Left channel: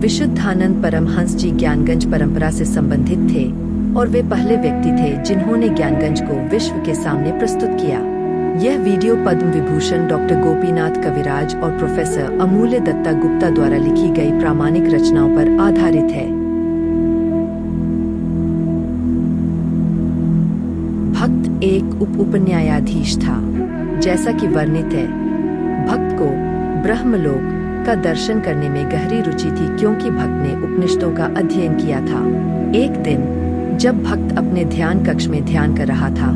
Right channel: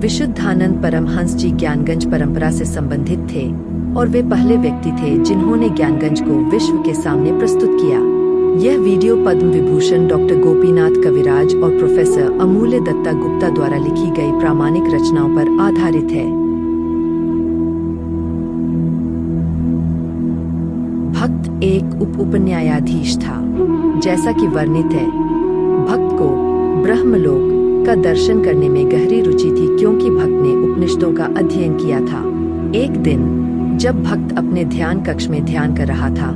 विशुद्धानंद परमहंस जी ज्ञानगंज परंपरा से संबंधित थे और वे पहले व्यक्ति थे जिन्होंने ज्ञानगंज को विश्व के सामने प्रस्तुत किया। यह वीडियो पद्म विभूषण डॉक्टर गोपीनाथ कविराज और प्रोफेसर अमूल्य दत्ता गुप्ता द्वारा लिखी गई प्रामाणिक रचनाओं पर आधारित है। भक्त एक उपन्यायाधीश था। जैसा कि वर्णित है, भक्त को ब्रह्मलोक का दर्शन करने में गहरी रुचि थी क्योंकि भक्त ने उपनिषदों का अध्ययन किया था। एक दिन जब भक्त अपने ध्यान कक्ष में ध्यान कर रहा था,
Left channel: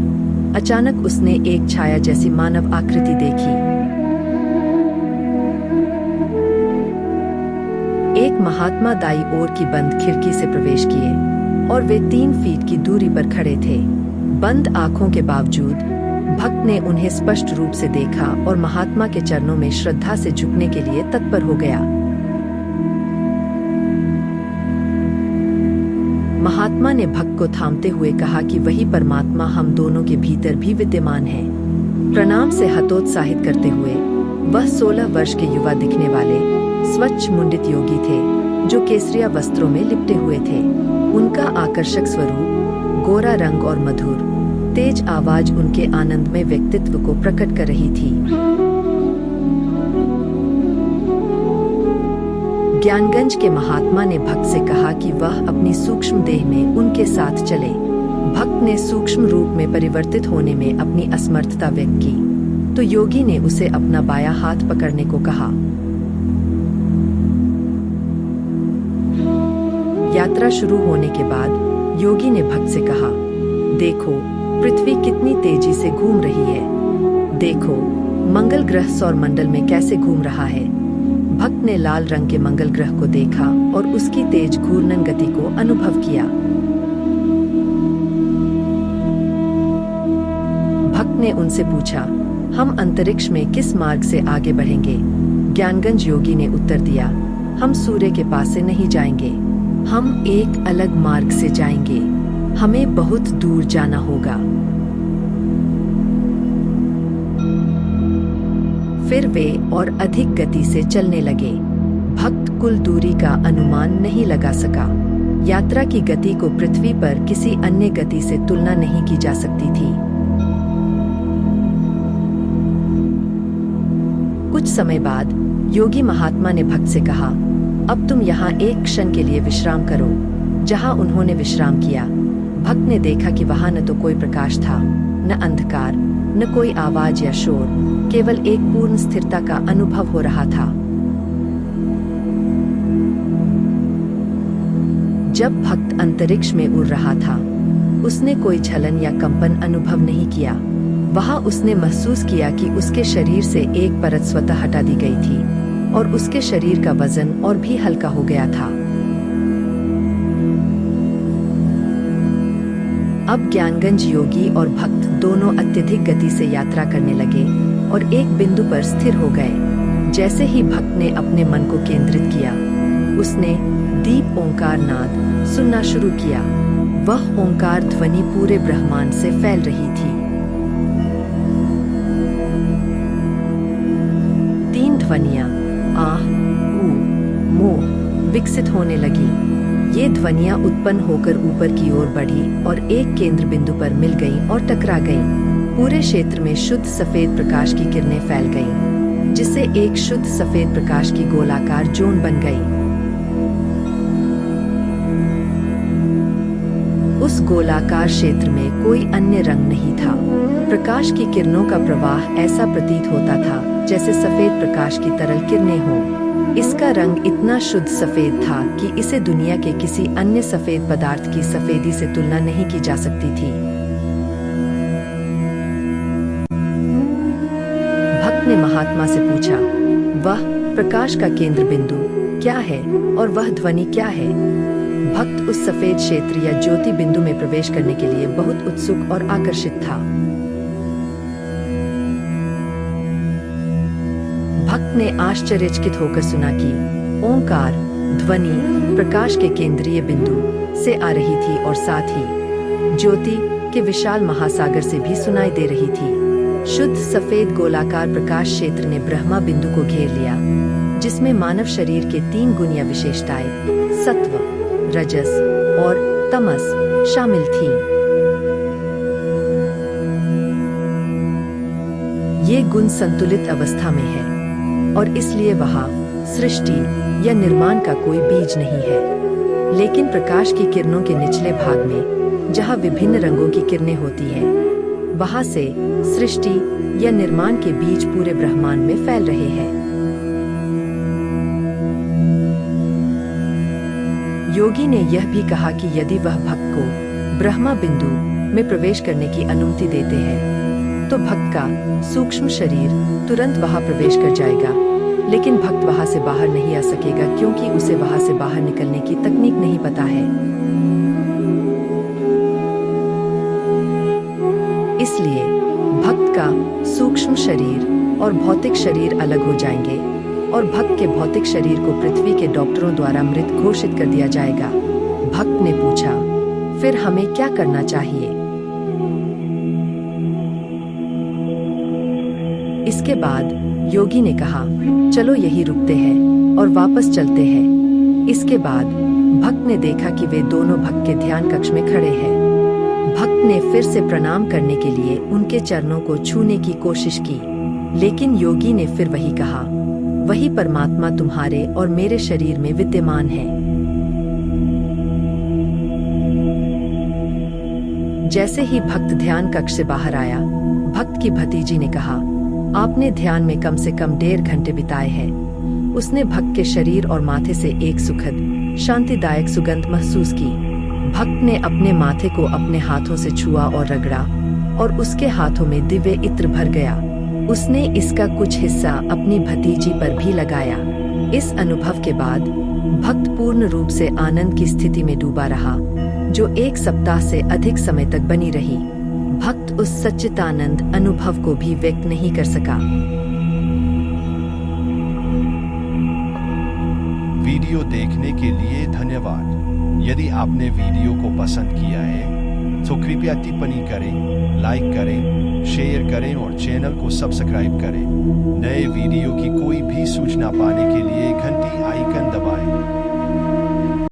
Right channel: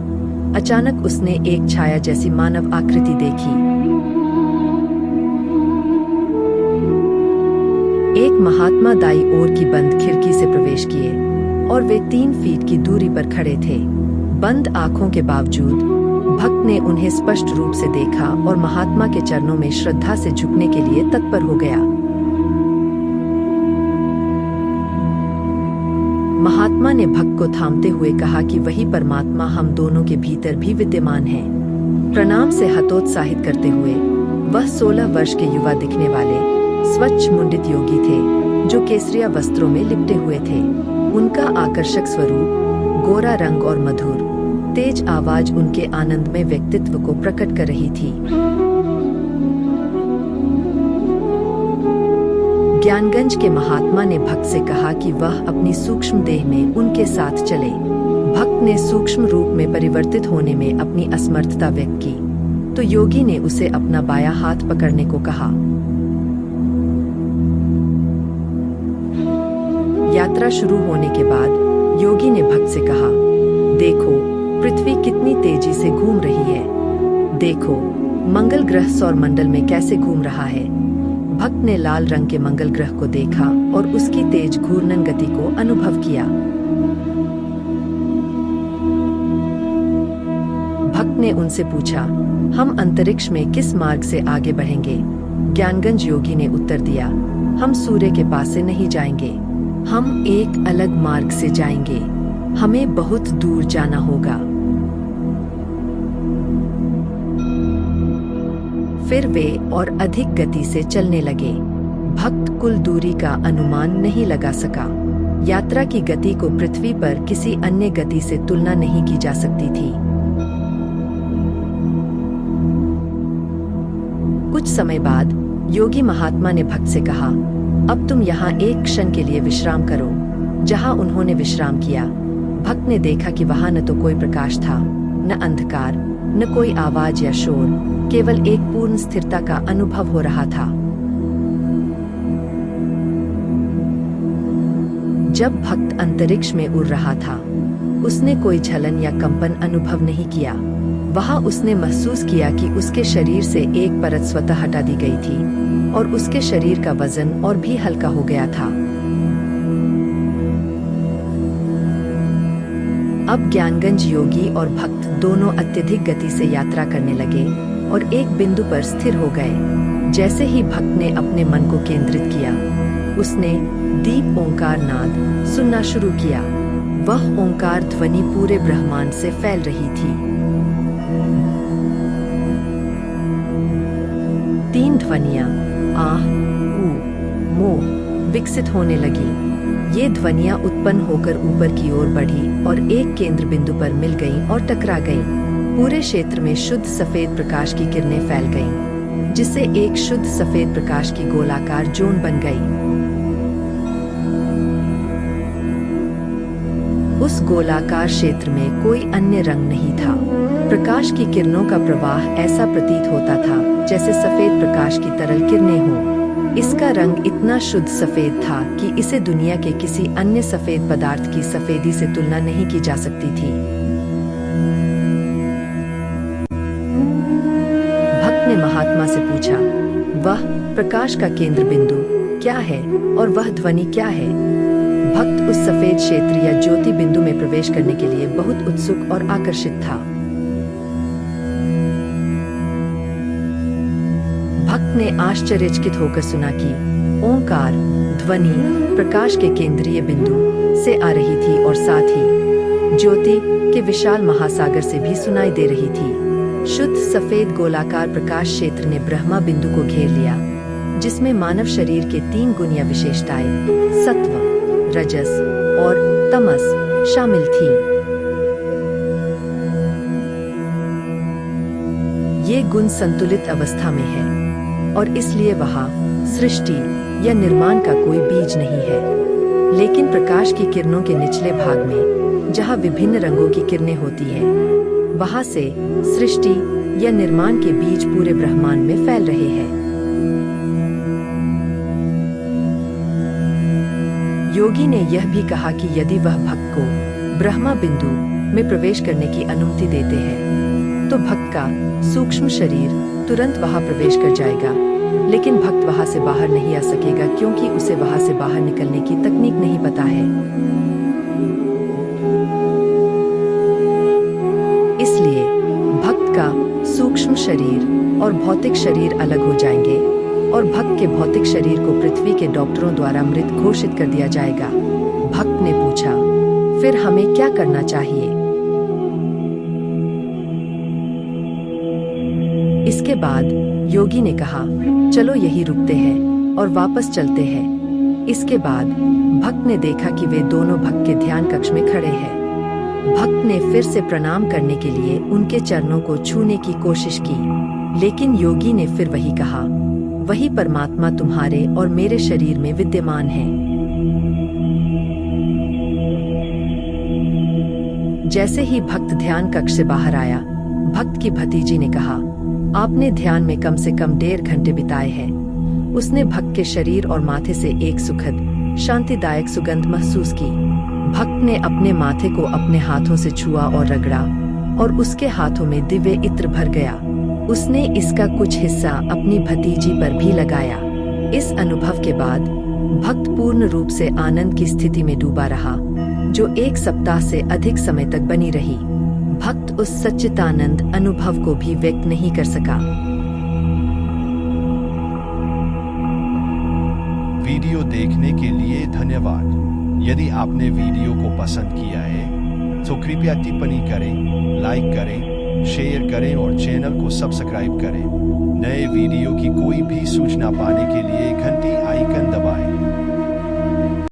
अचानक उसने एक छाया जैसी मानव आकृति देखी। एक महात्मा दाई ओर की बंद खिड़की से प्रवेश किए और वे 3 फीट की दूरी पर खड़े थे। बंद आंखों के बावजूद भक्त ने उन्हें स्पष्ट रूप से देखा और महात्मा के चरणों में श्रद्धा से झुकने के लिए तत्पर हो गया। महात्मा ने भक्त को थामते हुए कहा कि वही परमात्मा हम दोनों के भीतर भी विद्यमान है। प्रणाम से हतोत्साहित करते हुए वह 16 वर्ष के युवा दिखने वाले स्वच्छ मुंडित योगी थे जो केसरिया वस्त्रों में लिपटे हुए थे। उनका आकर्षक स्वरूप, गोरा रंग और मधुर तेज आवाज उनके आनंदमय व्यक्तित्व को प्रकट कर रही थी। ज्ञानगंज के महात्मा ने भक्त से कहा कि वह अपनी सूक्ष्म देह में उनके साथ चले। भक्त ने सूक्ष्म रूप में परिवर्तित होने में अपनी असमर्थता व्यक्त की, तो योगी ने उसे अपना बायां हाथ पकड़ने को कहा। यात्रा शुरू होने के बाद योगी ने भक्त से कहा, देखो पृथ्वी कितनी तेजी से घूम रही है। देखो मंगल ग्रह सौर मंडल में कैसे घूम रहा है। भक्त ने लाल रंग के मंगल ग्रह को देखा और उसकी तेज घूर्णन गति को अनुभव किया। भक्त ने उनसे पूछा, हम अंतरिक्ष में किस मार्ग से आगे बढ़ेंगे? ज्ञानगंज योगी ने उत्तर दिया, हम सूर्य के पास से नहीं जाएंगे, हम एक अलग मार्ग से जाएंगे। हमें बहुत दूर जाना होगा। फिर वे और अधिक गति से चलने लगे। भक्त कुल दूरी का अनुमान नहीं लगा सका। यात्रा की गति को पृथ्वी पर किसी अन्य गति से तुलना नहीं की जा सकती थी। कुछ समय बाद योगी महात्मा ने भक्त से कहा, अब तुम यहाँ एक क्षण के लिए विश्राम करो। जहाँ उन्होंने विश्राम किया, भक्त ने देखा कि वहां न तो कोई प्रकाश था, न अंधकार, न कोई आवाज या शोर, केवल एक पूर्ण स्थिरता का अनुभव हो रहा था। जब भक्त अंतरिक्ष में उड़ रहा था, उसने कोई झलन या कंपन अनुभव नहीं किया। वहां उसने महसूस किया कि उसके शरीर से एक परत स्वतः हटा दी गई थी और उसके शरीर का वजन और भी हल्का हो गया था। अब ज्ञानगंज योगी और भक्त दोनों अत्यधिक गति से यात्रा करने लगे और एक बिंदु पर स्थिर हो गए। जैसे ही भक्त ने अपने मन को केंद्रित किया, उसने दीप ओंकार नाद सुनना शुरू किया। वह ओंकार ध्वनि पूरे ब्रह्मांड से फैल रही थी। 3 ध्वनियां आह, ऊ, मो विकसित होने लगी। ये ध्वनियां उत्पन्न होकर ऊपर की ओर बढ़ी और एक केंद्र बिंदु पर मिल गईं और टकरा गईं। पूरे क्षेत्र में शुद्ध सफेद प्रकाश की किरणें फैल गईं, जिससे एक शुद्ध सफेद प्रकाश की गोलाकार जोन बन गई। उस गोलाकार क्षेत्र में कोई अन्य रंग नहीं था। प्रकाश की किरणों का प्रवाह ऐसा प्रतीत होता था जैसे सफेद प्रकाश की तरल किरणें हों। इसका रंग इतना शुद्ध सफेद था कि इसे दुनिया के किसी अन्य सफेद पदार्थ की सफेदी से तुलना नहीं की जा सकती थी। भक्त ने महात्मा से पूछा, वह प्रकाश का केंद्र बिंदु क्या है और वह ध्वनि क्या है? भक्त उस सफेद क्षेत्र या ज्योति बिंदु में प्रवेश करने के लिए बहुत उत्सुक और आकर्षित था। भक्त ने आश्चर्यचकित होकर सुना कि ओंकार ध्वनि प्रकाश के केंद्रीय बिंदु से आ रही थी और साथ ही ज्योति के विशाल महासागर से भी सुनाई दे रही थी। शुद्ध सफेद गोलाकार प्रकाश क्षेत्र ने ब्रह्मा बिंदु को घेर लिया जिसमें मानव शरीर के 3 गुण या विशेषताएं सत्व, रजस और तमस शामिल थीं। ये गुण संतुलित अवस्था में है और इसलिए वहाँ सृष्टि या निर्माण का कोई बीज नहीं है। लेकिन प्रकाश की किरणों के निचले भाग में, जहाँ विभिन्न रंगों की किरणें होती हैं, वहाँ से सृष्टि या निर्माण के बीज पूरे ब्रह्मांड में फैल रहे हैं। योगी ने यह भी कहा कि यदि वह भक्त को ब्रह्मा बिंदु में प्रवेश करने की अनुमति देते हैं, तो भक्त का सूक्ष्म शरीर तुरंत वहां प्रवेश कर जाएगा, लेकिन भक्त वहां से बाहर नहीं आ सकेगा क्योंकि उसे वहां से बाहर निकलने की तकनीक नहीं पता है। इसलिए भक्त का सूक्ष्म शरीर और भौतिक शरीर अलग हो जाएंगे और भक्त के भौतिक शरीर को पृथ्वी के डॉक्टरों द्वारा मृत घोषित कर दिया जाएगा। भक्त ने पूछा, फिर हमें क्या करना चाहिए? इसके बाद योगी ने कहा, चलो यही रुकते हैं और वापस चलते हैं। इसके बाद भक्त ने देखा कि वे दोनों भक्त के ध्यान कक्ष में खड़े हैं। भक्त ने फिर से प्रणाम करने के लिए उनके चरणों को छूने की कोशिश की, लेकिन योगी ने फिर वही कहा, वही परमात्मा तुम्हारे और मेरे शरीर में विद्यमान है। जैसे ही भक्त ध्यान कक्ष से बाहर आया, भक्त की भतीजी ने कहा, आपने ध्यान में कम से कम 1.5 घंटे बिताए हैं। उसने भक्त के शरीर और माथे से एक सुखद शांतिदायक सुगंध महसूस की। भक्त ने अपने माथे को अपने हाथों से छुआ और रगड़ा और उसके हाथों में दिव्य इत्र भर गया। उसने इसका कुछ हिस्सा अपनी भतीजी पर भी लगाया। इस अनुभव के बाद भक्त पूर्ण रूप से आनंद की स्थिति में डूबा रहा, जो 1 सप्ताह से अधिक समय तक बनी रही। भक्त उस सच्चिदानंद अनुभव को भी व्यक्त नहीं कर सका। वीडियो देखने के लिए धन्यवाद। यदि आपने वीडियो को पसंद किया है तो कृपया टिप्पणी करें, लाइक करें, शेयर करें और चैनल को सब्सक्राइब करें। नए वीडियो की कोई भी सूचना पाने के लिए घंटी आइकन दबाएं।